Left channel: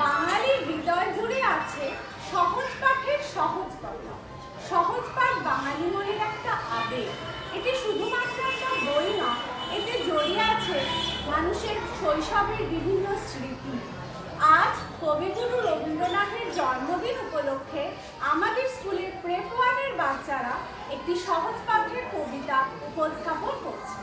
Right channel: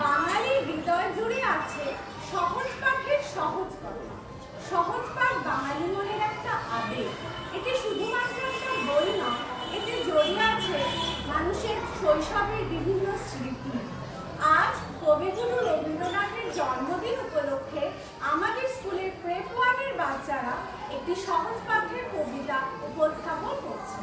বাঙালির হৃদয় জুড়ে আছে সহজ পাঠের সহজ কথা। সহজ পাঠ বাঙালি মনের একটা আবেগ। এটি শুধুমাত্র একটা বই না, এতে জড়িয়ে আছে মানুষের শৈশবের বিভিন্ন স্মৃতি। আজ কবিগুরু রবীন্দ্রনাথের জন্মদিন উপলক্ষে আমাদের স্কুলের প্রেপ ওয়ানের বাচ্চারা একটি সহজ পাঠের কবিতা উপস্থাপন করছে।